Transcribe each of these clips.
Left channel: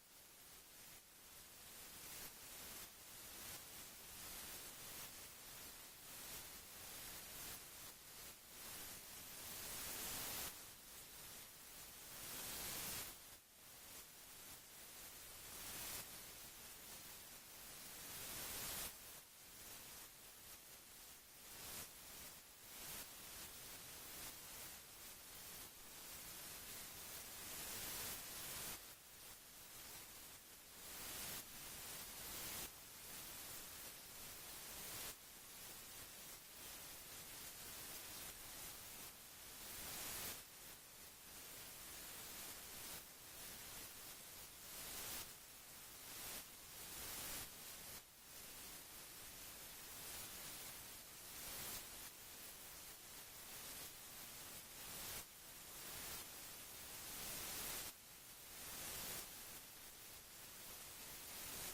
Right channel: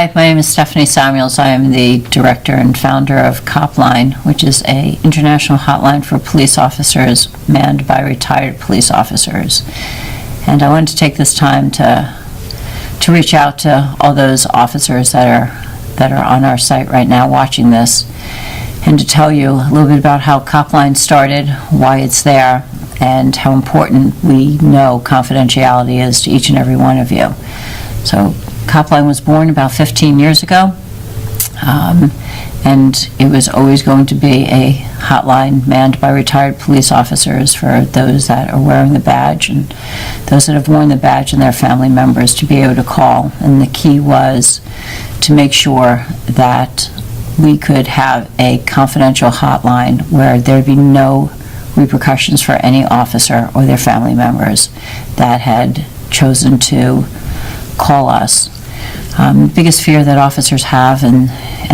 Hi, my name is Stephanie Samuels. I am the director and founder of Copline, which is an international hotline for police officers manned by retired police officers. And I wanted to take this time to reach out to all those officers that are on our site right now watching this, and to tell you a little bit about how Copline started, why it's there, and how important we know confidentiality is to each and every one of you. So Copline was born about 15 years ago, and it was always going to be a hotline manned by retired police officers for those that are wearing the badge and those that have worn the badge and their family members to be able to call. And the key was to make sure that we could have a confidential hotline where there'd be no repercussions for any officer or their family members that had chosen to call us. The biggest fear that officers have and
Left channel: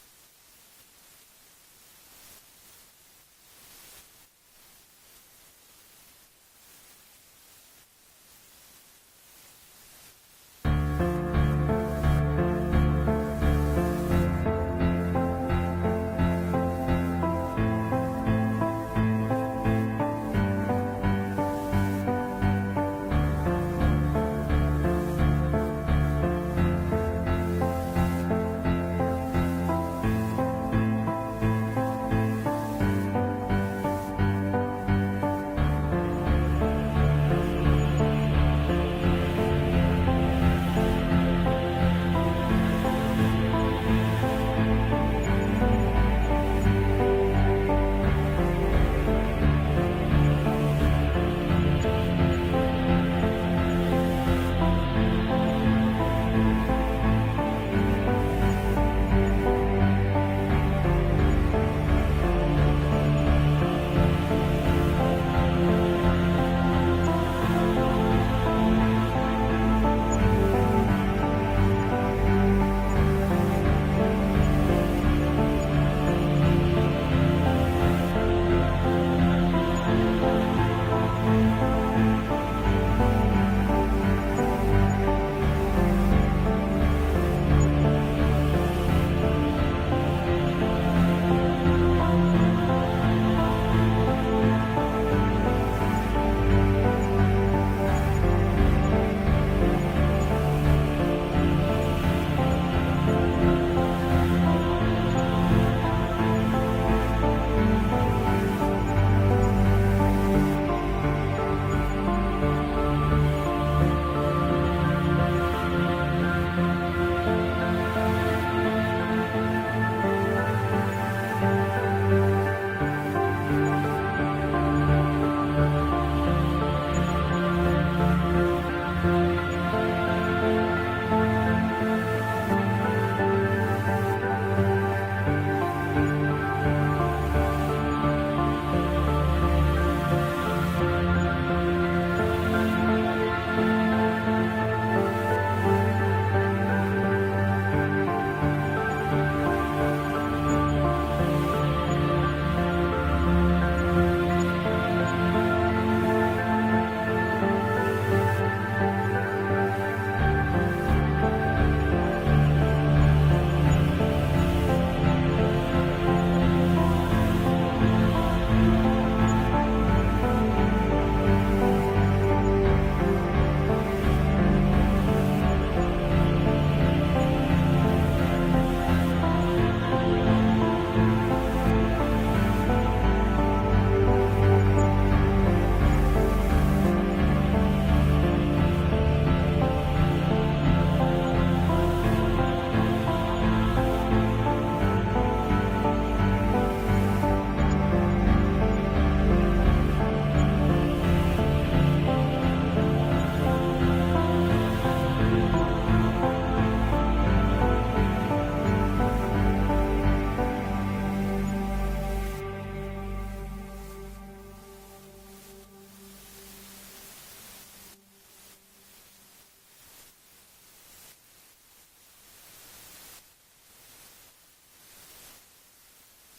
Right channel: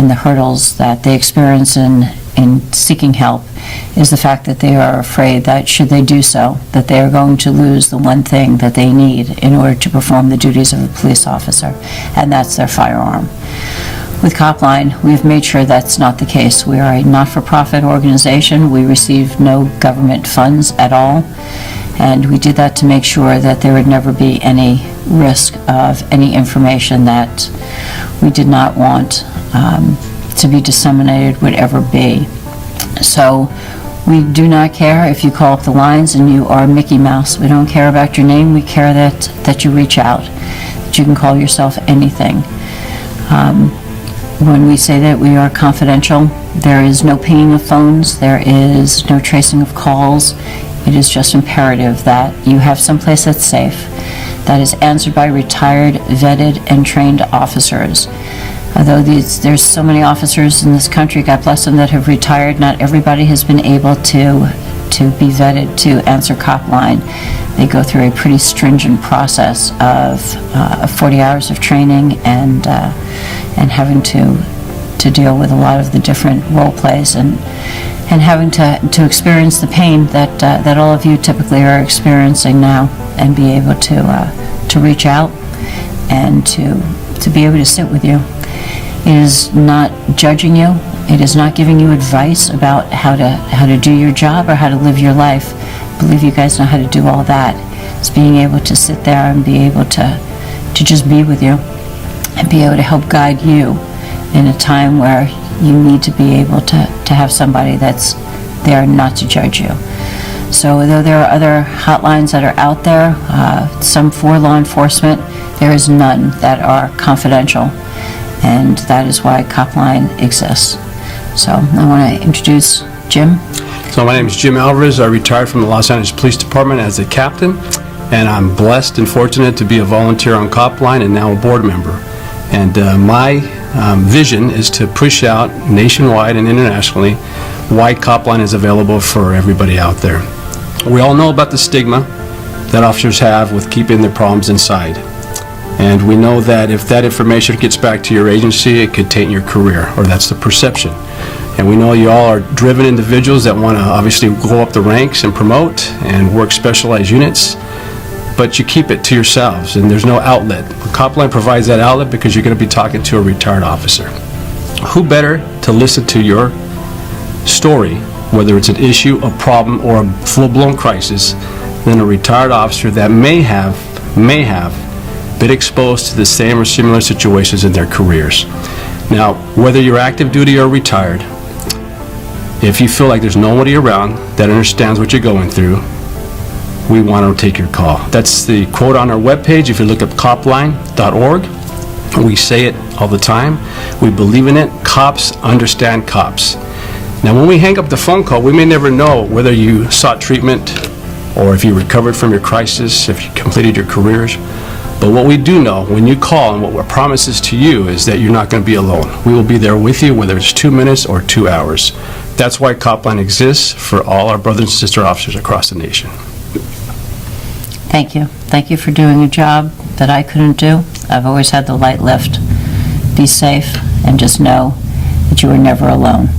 the hurdles that they experience in seeking help is the fact that they are afraid that should they do so, that they are going to lose the one thing that they need in order to perform the duties of a police officer, and that's their firearm. With Copline, we've made sure that's not the case. We are a not-for-profit organization. We receive no government funds at all, and we did that to make sure that there would never be any risk of any information that we did not want to be disseminated would ever be. So we do not care if you call up the lines and you are Mickey Mouse. We don't care about your name. We care that you reach out, that you can call yourself anything. When we say that we are confidential, there is no pinging of phones, there is no tracing of calls. It is just imperative that you have someplace that's safe, that is answered by retired, vetted, and trained officers. Although there's so many officers in this country, God bless them, that have retired, not everybody has been able to be vetted to answer Copline. They go through a pretty stringent process of 40 hours of training and having to deal with a lot of the different role plays and having to experience the pain that all of you typically are experiencing now, and be able to reach out and to be able to sit with you. It is not judging you. It is not giving you advice about how to do your job or how to live your life. I believe you guys know how to do all that. It's being able to sit there and be able to just be with you and be able to help guide you in a time where you need to be able to have somebody that's there not to judge you. So though there are other hotlines that are out there, some for law enforcement, there is none that are confidential, and that is why Copline exists. So I want to introduce Jim. So my name is Jim Alvarez. I retired from the Los Angeles Police Department as a captain, and I'm blessed and fortunate to be a volunteer on Copline and now a board member. And my vision is to push out nationwide and internationally why Copline is available for everybody out there. We all know about the stigma that officers have with keeping their problems inside. And we know that if that information gets back to your agency, it could taint your career, or that's the perception. And we know you all are driven individuals that want to obviously go up the ranks and promote and work specialized units, but you keep it to yourselves and there's no outlet. Copline provides that outlet because you're going to be talking to a retired officer. Who better to listen to your story, whether it's an issue, a problem, or a full-blown crisis, than a retired officer that may have been exposed to the same or similar situations in their careers. Now, whether you're active duty or retired, if you feel like there's nobody around that understands what you're going through, we want to take your call. That's the quote on our webpage. If you look up copline.org, we say it all the time. We believe in it. Cops understand cops. Now, when we hang up the phone call, we may never know whether you sought treatment or if you recovered from your crisis, if you completed your careers. But what we do know, when you call, and what our promise is to you, is that you're not going to be alone. We will be there with you, whether it's 2 minutes or 2 hours. That's why Copline exists for all our brothers and sister officers across the nation. Thank you. Thank you for doing a job that I couldn't do. I've always had the light lift. Be safe and just know that you are never alone.